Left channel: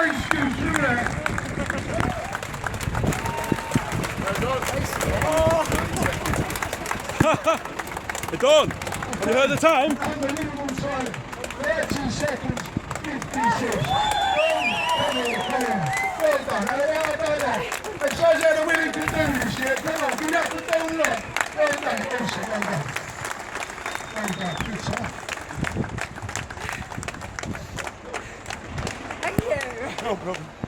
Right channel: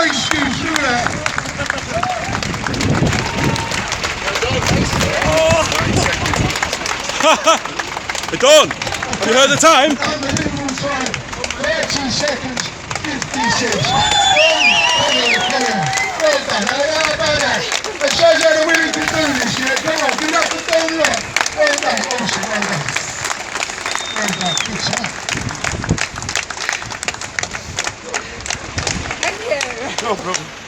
no excuse through that. Dawn, have you heard the time? Unbelievable time. 30 seconds, 56. Come on. Well done. How about that? It shows how they're willing to do this, yeah? Come on, give it up for Dawn Lott. Well done, awesome, well done. Well done, good time. Thank you. No problem.